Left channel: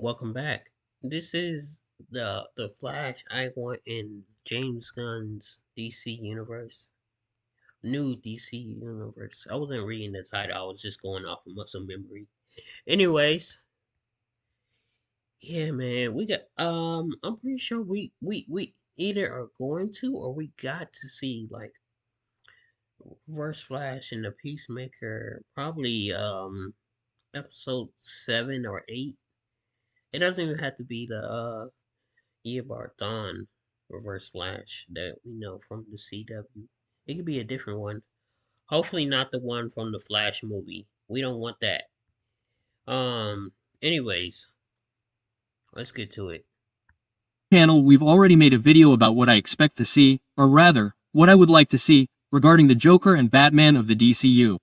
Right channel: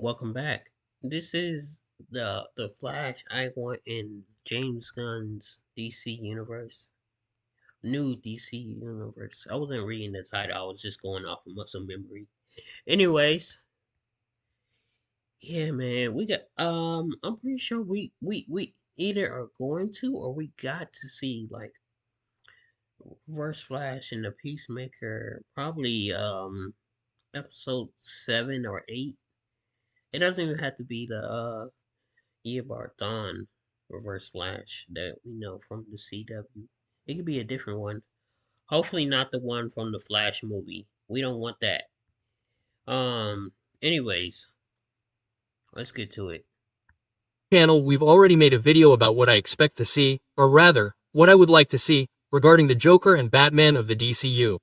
Welcome back. This is the Flash I want in James Gunn's DC universe. New DC universe. I wasn't reading the title, I was just going off of muscle memory. Anyways, yeah man, we got I'm pretty sure we either are going to or we got to see like Reverse Flash and the Peacemaker probably episode 7 or 8. It doesn't even have to be the Eobard Thawne Reverse Flash that we know from the CW. It could be a different one. Hopefully not the one from the Flash movie. We don't want that. Um anyways, let's get to it. Channel, we've already made a video about what I expect to see, or rather, what I would like to see, regarding the Joker and Batman of the DCU.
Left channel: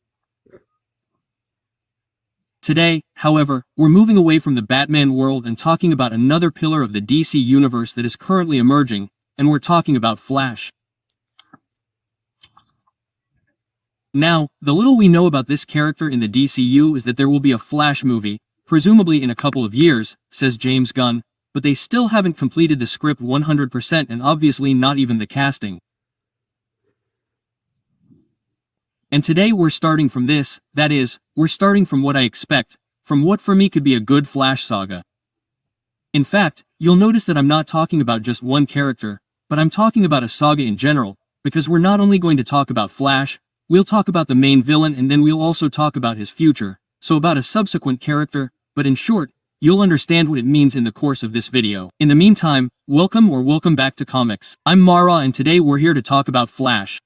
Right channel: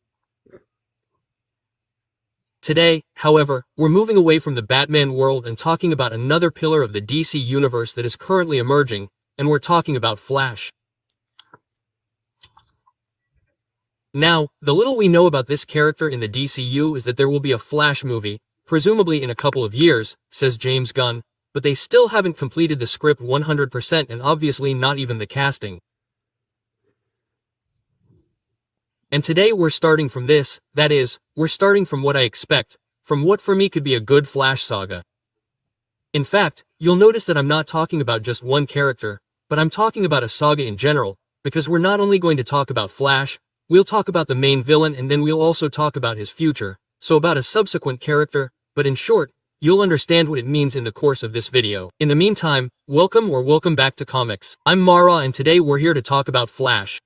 Today, however, we're moving away from the Batman world and talking about another pillar of the DC universe that is currently emerging, and we're talking about Flash. Now, the little we know about this character in the DCU is that there will be a Flash movie, presumably in a couple of years, says James Gunn, but they still haven't completed the script 100% and obviously not even the casting. And today we're starting from this, that is, we're starting from what I expect, from what for me could be a good Flash saga. In fact, you'll notice that I'm not talking about just one character, but I'm talking about a saga in general, because we're not only going to talk about Flash, we'll talk about the main villain and then we'll also talk about his future, so about a subsequent character, but in short, you'll understand what it means in the course of this video. In the meantime, welcome back to comics. I'm Mara and today we're here to talk about Flash.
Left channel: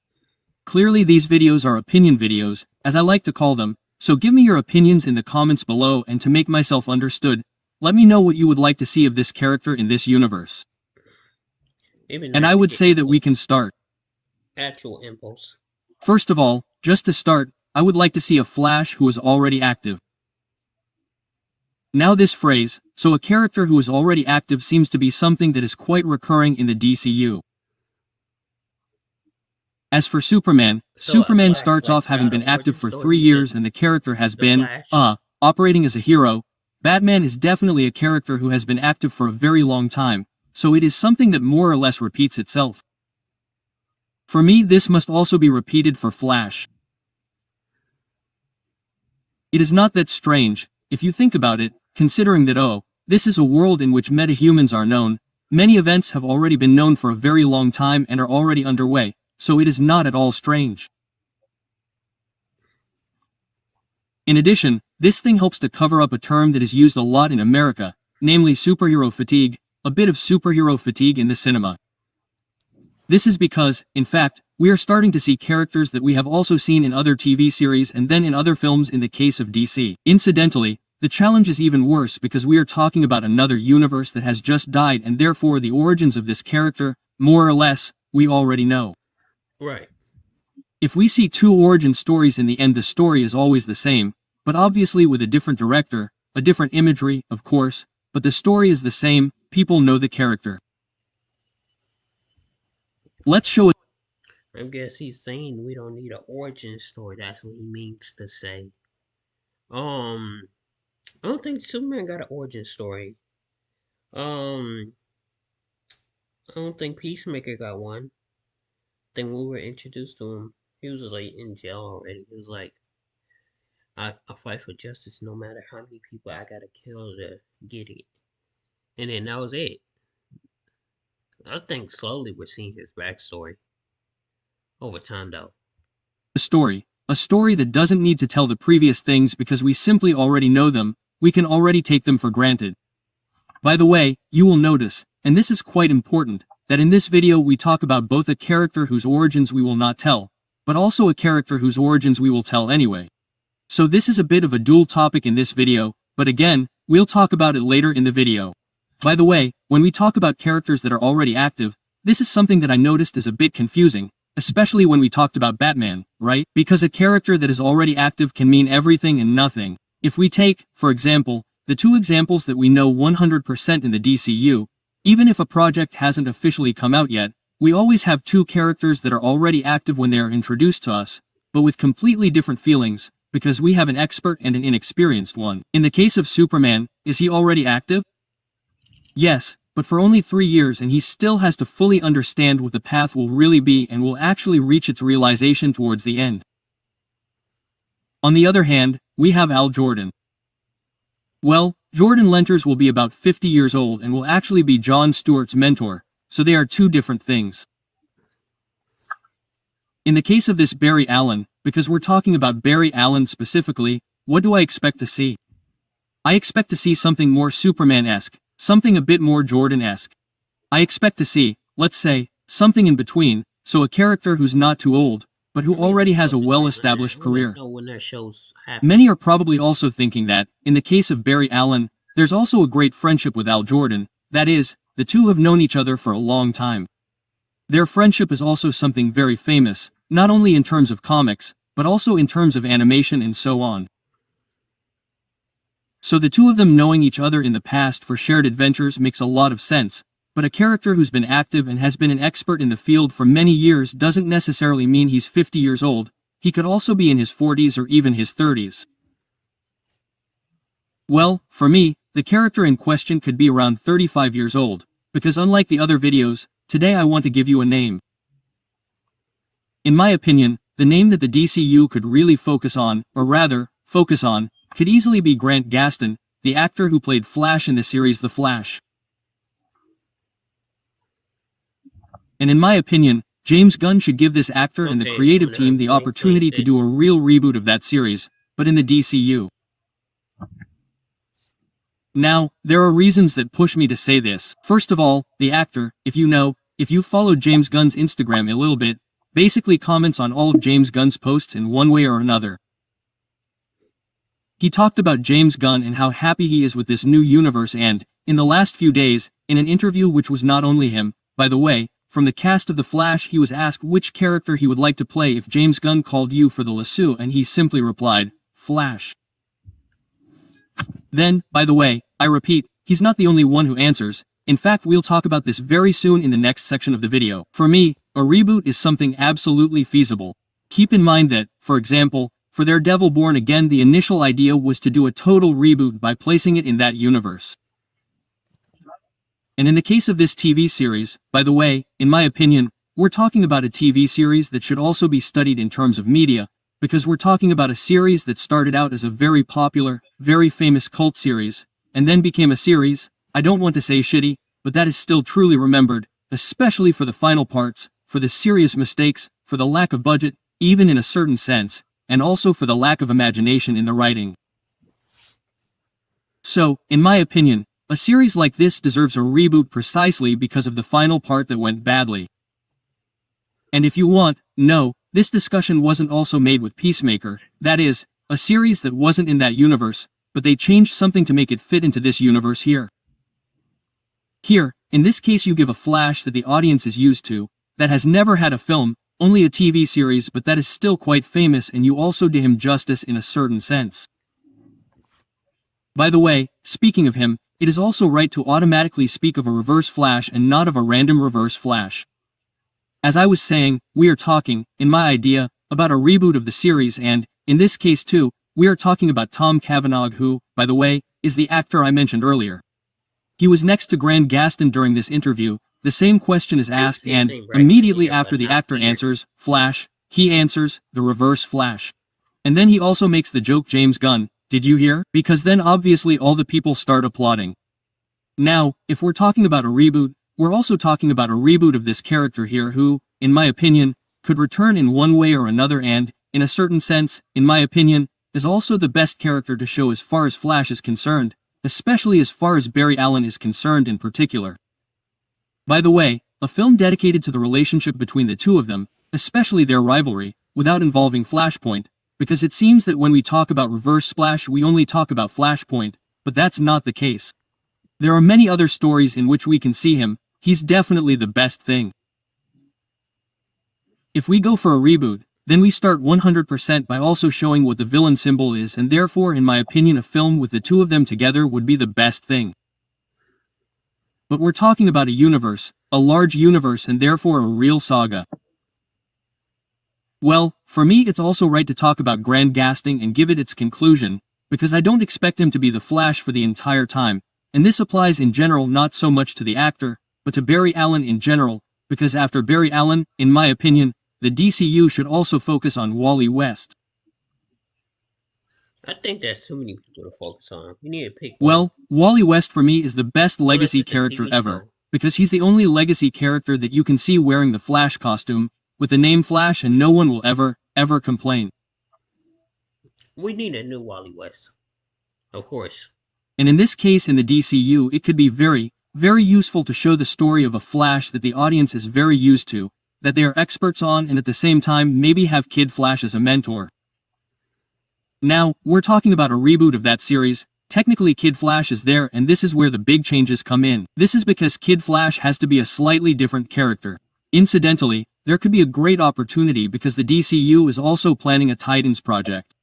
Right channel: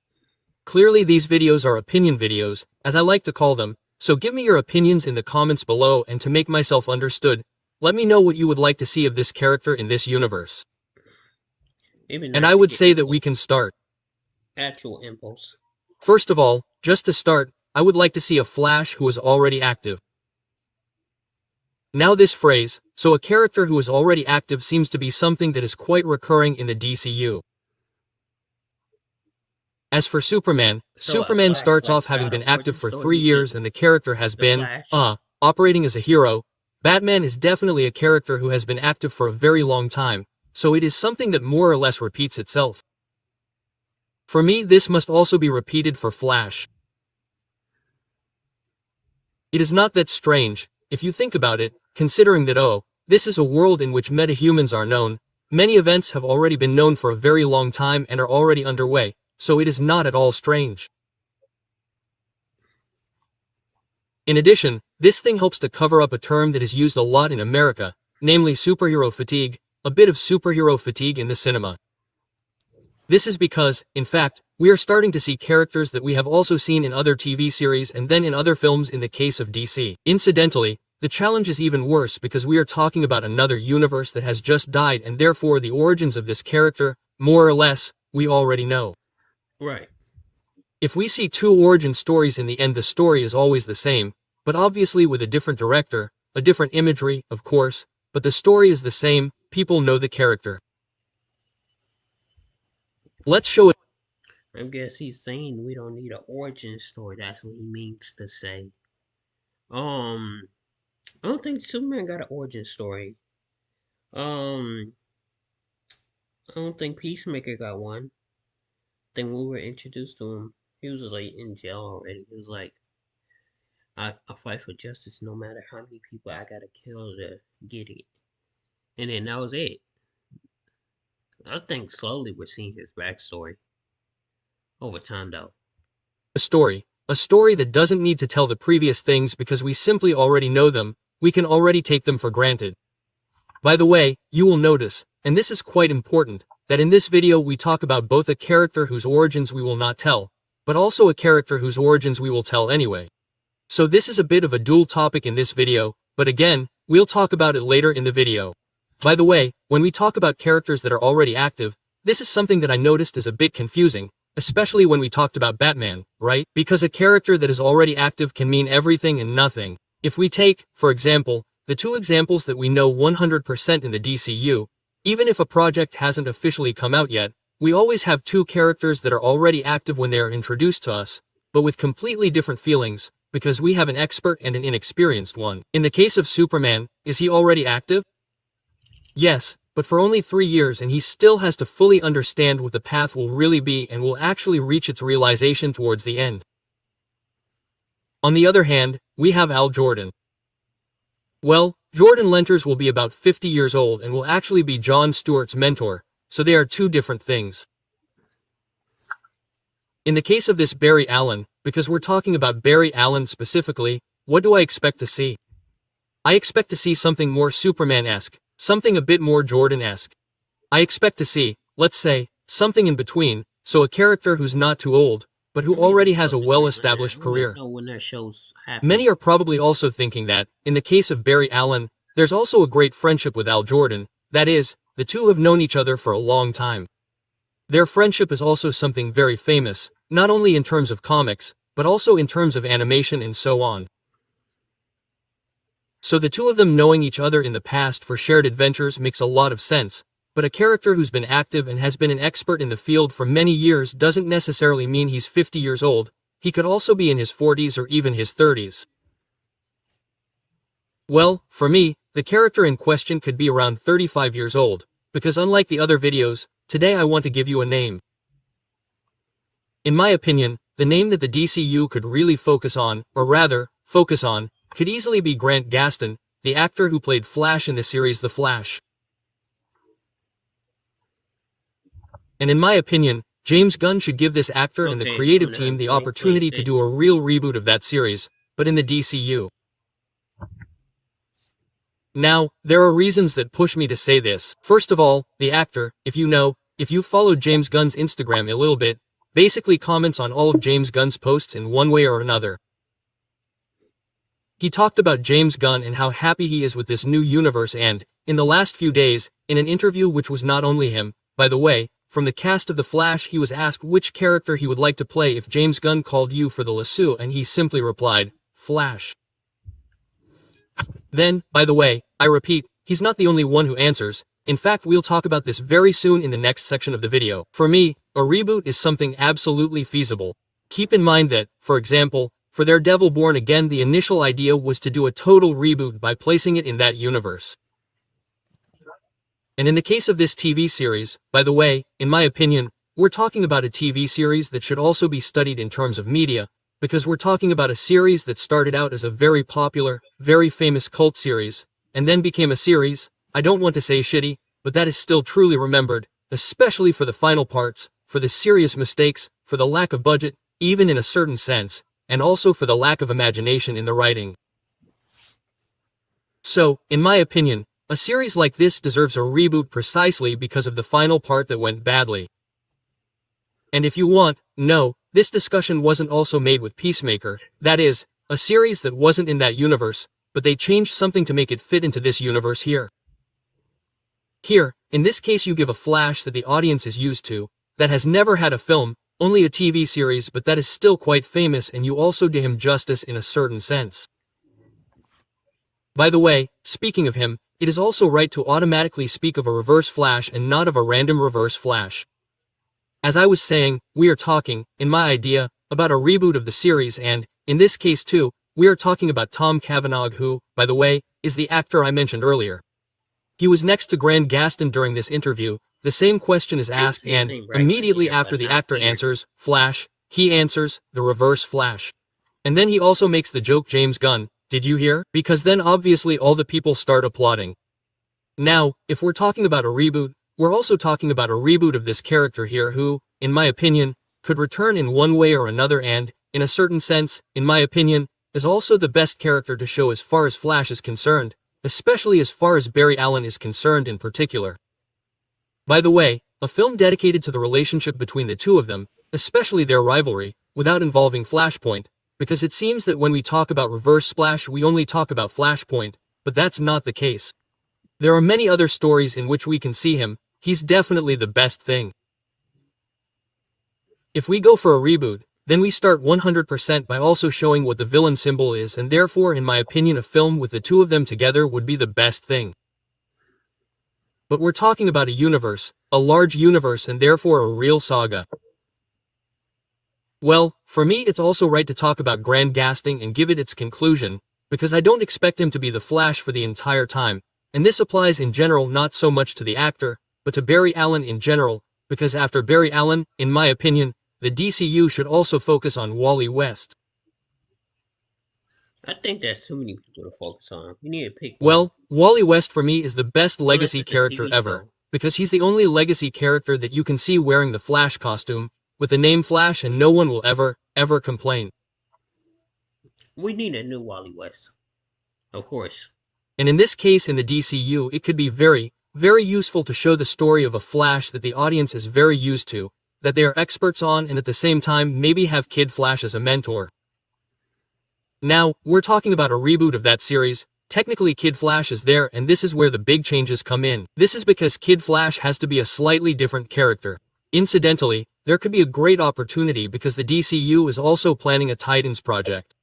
Clearly these videos are opinion videos, as I like to call them, so give me your opinions in the comments below and to make myself understood, let me know what you would like to see of this character in this universe. And I would say that we can start. Actual impulse. First of all, just to start, I would like to see a Flash who is already active. Now this phrase, so a character who is already active seems to be something that is quite recurring in the DCU. As for Superman, Superman starts off having been active for 3 years and the character has been, operating as a hero. Batman is definitely a character who has been active for a very long time, so it is something that more or less repeats itself. For me, this must also be repeated for Flash. It is not that strange, if you think about it, considering that this is a world in which metahumans are known, many events have already been known for a very long time and are already underway, so it is not at all strange. In addition, this thing helps to cover up a term that is used a lot in America, namely superhero fatigue, a bit of superhero fatigue in the cinema. This is because, in fact, we are starting to see characters that we have also seen in other TV series and then in other films in the case of DC. Incidentally, the challenge is even worse because we are talking about another universe that has just died and therefore the origins of this character, more or less, we already know. Right. If we see 2 origin stories in the end the story is always the same, but obviously with a different director, a different imagery, of course, but the story is the same, people know the character. Let's show it. I guess he's saying we don't need an origin story. That's what he means to say. I don't think Superman got an origin story. I don't think Peacemaker got one. Then we were introduced to him, he was like in jail already. He was like, I fight for justice no matter how many people I gotta kill to get it. And then that was it. I think slowly we're seeing his backstory. Over time though. A story that doesn't need to tell the previous things because we simply already know them, we can already take them for granted. By the way, you will notice, and this is quite important, that in this video we talk about both a character whose origins we will not tell, but also a character whose origins we will tell anyway. So this is a bit of a dual topic in this video, but again, we'll talk about it later in the video. By the way, when we talk about characters that are already active, this is something that I noticed is a bit confusing, especially when we talked about Batman, right? Because a character that is already active can mean everything and nothing. If we take, for example, the 2 examples that we know 100% in the DCU, even if a project hasn't officially come out yet, we always have 2 characters that are already active when they are introduced to us, but with completely different feelings, because we have an expert and an inexperienced one. In the case of Superman, is he already active? Yes, but for only 3 years, and he still has to fully understand what the path will really be and will actually reach its realization towards the end. On the other hand, we have Al Jordan. Well, Jordan Lenters will be about 50 years old and will actually be Jon Stewart's mentor, so they are two different things. In the case of this Barry Allen, because we're talking about Barry Allen specifically, what do I expect to see? I expect to see something more Superman-esque, something a bit more Jordan-esque. I expect to see, let's say, something in between, so a character who's not too old, but who I mean, already I has a hope the same, man. well-established I want to career. know when that show's happening. Many are probably also thinking that, in the case of Barry Allen, there's also a great friendship with Al Jordan, that is, the two have known each other for a long time. Their friendship is also something very famous, not only in terms of comics, but also in terms of animation and so on. So the two of them knowing each other in the past for shared adventures makes a lot of sense, but a character who's been active and has been an expert in the field for many years doesn't necessarily mean he's 50 years old, he could also be in his 40s or even his 30s. Well, for me, the character in question could be around 35 years old, because unlike the other videos, today I want to give you a name. In my opinion, the name that the DCU could really focus on, or rather, focus on, could easily be Grant Gustin, the actor who played Flash in the series The Flash. And in my opinion, James Gunn should give this actor and the Okay, it's creative coming out team in the opportunity to 2026. do a real reboot of that series, but in the DCU. Now, there are reasons that push me to say this. First of all, the actor, if you followed James Gunn's Instagram a little bit, basically comments on all of James Gunn's posts in one way or another. He talked about James Gunn and how happy he is with this new universe and, in the last few days, in an interview which was not only him, by the way, from the cast of The Flash, he was asked which character he would like to play if James Gunn called you for the lasso, and he simply replied, Flash. Then, by the way, I repeat, he's not the only one who answers. In fact, we'll talk about this very soon in the next section of the video. For me, a reboot is something absolutely feasible. Keep in mind that, for example, for Daredevil Born Again, the initial idea was to do a total reboot by placing it in that universe. And in the case of this TV series, by the way, in my opinion, we're talking about a TV series that should also be studied in terms of media, because we're talking about a series that started out as a very popular, very famous cult series, and then became a series, I don't want to say shitty, but that is still truly remembered, especially for the final parts, for the serious mistakes, for the lack of budget, even in a certain sense, and also for the lack of imagination in the writing. So, in my opinion, a series like this deserves a reboot precisely because of the final part that went badly. And if you want, no, this discussion wasn't also made with Peacemaker, that is, a series that wasn't in that universe, but they changed something to make it fit into this universe here. Here, in this case you give a Flash that the audience is used to, that has never had a film, only a TV series, but that is still quite famous, and you also do him justice in a certain sense. By the way, speaking of him, it is also right to automatically speak of a Reverse Flash and not of a random Reverse Flash. As I was saying, we are talking, in my idea, about a reboot of the series, and, in this case too, we are talking about Tom Cavanagh, who, by the way, is the actor I mentioned earlier. He was next to Grant Gustin during this interview. The same question is asked, and, immediately after the actor answers, Flash, he answers, the Reverse Flash. And then he also makes the joke, James Gunn, did you hear? Because then obviously all the people start applauding. Now, if we're talking about a reboot, we're also talking about a reboot of this character here who, in my opinion, could return in one way or another and, in a certain sense, in my opinion, is also the best character to show as far as Flash is concerned, especially as far as Barry Allen is concerned in particular. By the way, a film dedicated to the relationship between the two of them, especially their rivalry, without involving Flashpoint, because it seems that when we talk about Reverse Splash we only talk about Flashpoint, but that's not the case. There are many other stories in which we can see him, he's definitely the best thing. If we go for a reboot, then we start 100% by also showing what the villain symbol is, and therefore in my opinion a film with the two of them together would be the best thing. But we're talking about a universe, a large universe, and therefore a real saga. Well, for me it's also right to talk about Grant Gustin and give it its conclusion, because I don't expect him to be the Flash for the entire time, and this applies in general not so much to the actor, but to Barry Allen in general, because after Barry Allen, in my opinion, the DCU should also focus on Wally West. I think there's too many people to focus on. We need to pick one. Well, Wally West for me is the best Unless legacy it's a character TV ever, show. because he's the only legacy character that you can see wearing the Flash costume, with the name Flash, and no one will ever complain. We need a new Wally West. Of course. And in this case in the DCU it could be very useful to show the story of a Flash that the audience is very used to, that they are experts on, and at the same time maybe have Kid Flash as a mentor. Now, we're talking about a reboot of that series. Technically Kid Flash is there, and this is where the big changes come in. This is because Kid Flash has to be a slightly different character. Incidentally, there could be a great opportunity because the DCU is also planning a Titans project.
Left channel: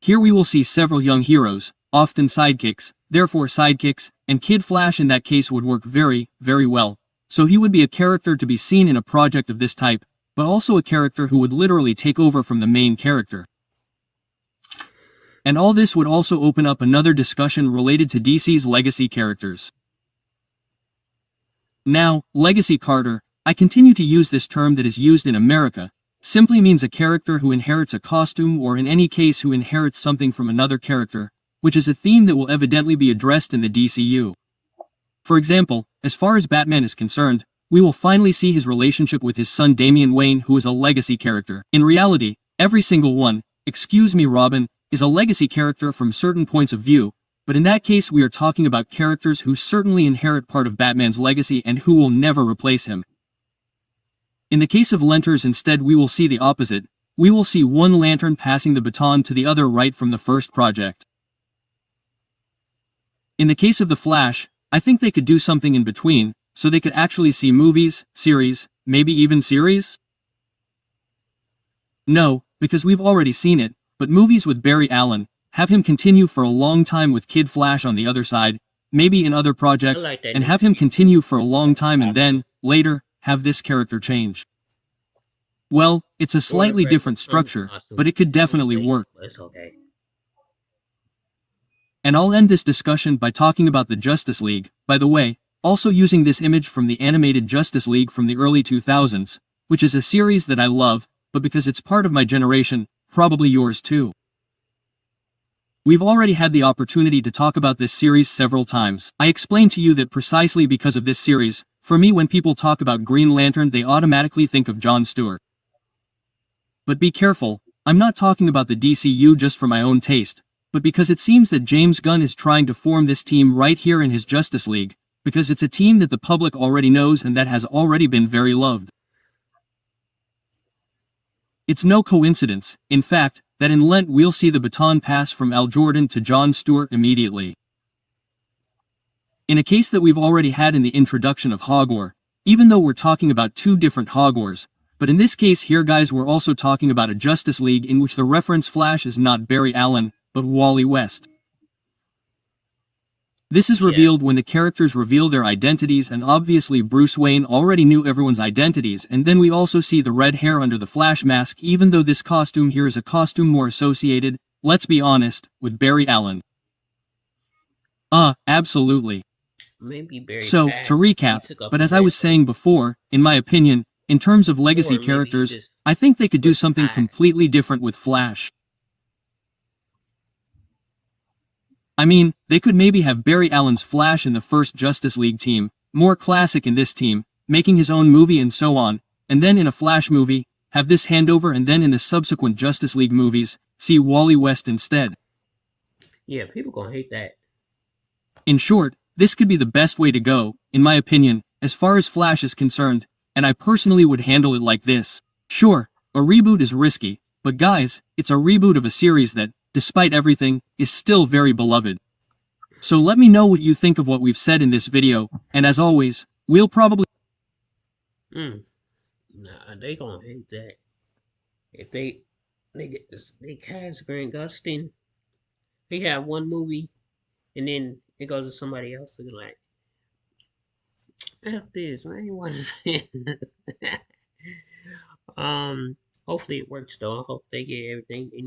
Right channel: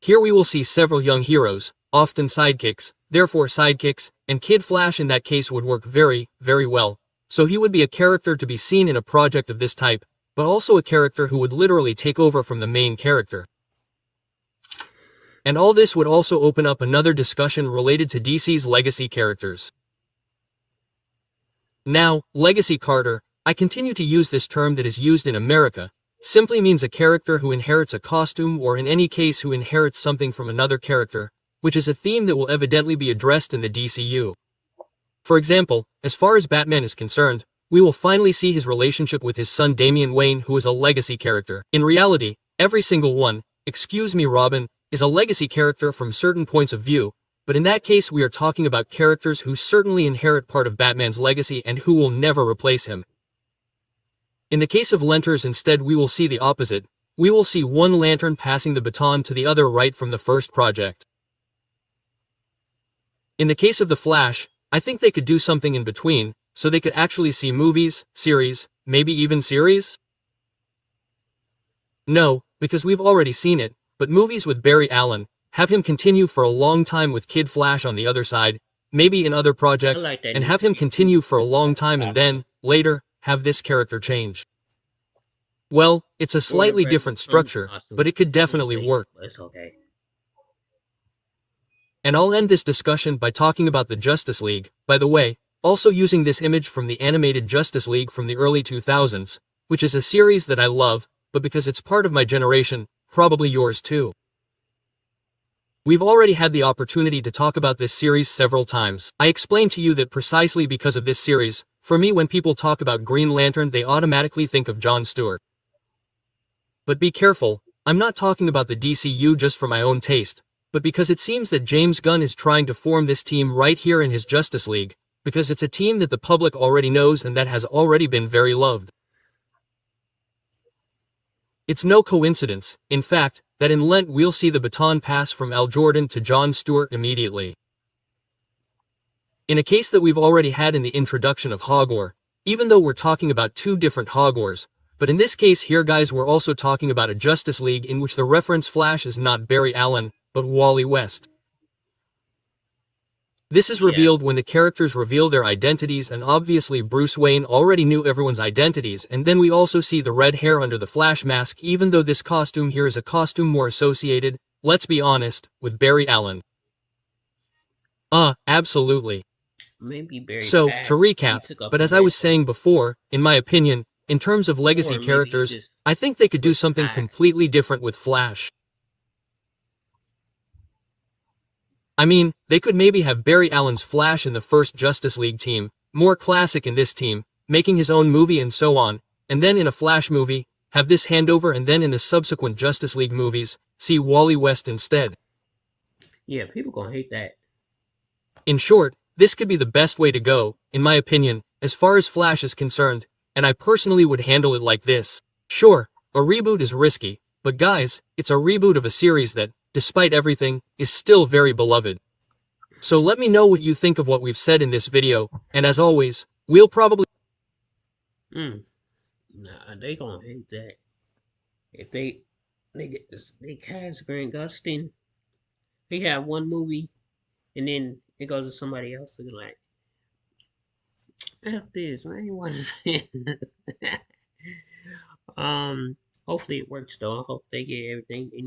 Here we will see several young heroes, often sidekicks, and Kid Flash in that case would work very well. So he would be a character to be seen in a project of this type, but also a character who would literally take over from the main character. And all this would also open up another discussion related to DC's legacy characters. Now, Legacy Carter, I continue to use this term that is used in America, simply means a character who inherits a costume, or in any case who inherits something from another character, which is a theme that will evidently be addressed in the DCU. For example, as far as Batman is concerned, we will finally see his relationship with his son Damian Wayne, who is a legacy character. In reality, every single one, excuse me Robin, is a legacy character from certain points of view, but in that case we are talking about characters who certainly inherit part of Batman's legacy and who will never replace him. In the case of Lenters instead we will see the opposite. We will see one Lantern passing the baton to the other right from the first project. In the case of the Flash, I think they could do something in between, so they could actually see movies, series, maybe even series? No, because we've already seen it, but movies with Barry Allen, have him continue for a long time with Kid Flash on the other side, maybe in other I projects, like that and new have him series. continue for a long time and then, later, have this character change. Well, it's a Or the slightly regular different comic structure, but costume. it could It's a little definitely basic, work. but it's okay. And I'll end this discussion by talking about the Justice League, by the way, also using this image from the animated Justice League from the early 2000s, which is a series that I love, but because it's part of my generation, probably yours too. We've already had the opportunity to talk about this series several times. I explained to you that precisely because of this series, for me when people talk about Green Lantern they automatically think of Jon Stewart. But be careful, I'm not talking about the DCU just for my own taste, but because it seems that James Gunn is trying to form this team right here in his Justice League, because it's a team that the public already knows and that has already been very loved. It's no coincidence, in fact, that in Lent we'll see the baton pass from Al Jordan to Jon Stewart immediately. In a case that we've already had in the introduction of Hogwar, even though we're talking about two different Hogwars, but in this case here guys we're also talking about a Justice League in which the reference Flash is not Barry Allen, but Wally West. This is Yeah. revealed when the characters reveal their identities, and obviously Bruce Wayne already knew everyone's identities, and then we also see the red hair under the Flash mask, even though this costume here is a costume more associated, let's be honest, with Barry Allen. Absolutely. Maybe Barry So, to passed. He recap, took up but the as I was mantle. saying before, in my opinion, in terms of legacy Or maybe he characters, just I think they could do something retired. completely different with Flash. I mean, they could maybe have Barry Allen's Flash in the first Justice League team, more classic in this team, making his own movie and so on, and then in a Flash movie, have this handover, and then in the subsequent Justice League movies, see Wally West instead. Yeah, people gonna hate that. In short, this could be the best way to go, in my opinion, as far as Flash is concerned, and I personally would handle it like this. Sure, a reboot is risky, but guys, it's a reboot of a series that, despite everything, is still very beloved. So let me know what you think of what we've said in this video, and as always, we'll probably Nah, they gonna hate that. If they get this, they cast Grant Gustin, he have one movie, and then it goes to somebody else, and they're like, F this, man, I ain't watching this. Hopefully it works though. I hope they get everything they need.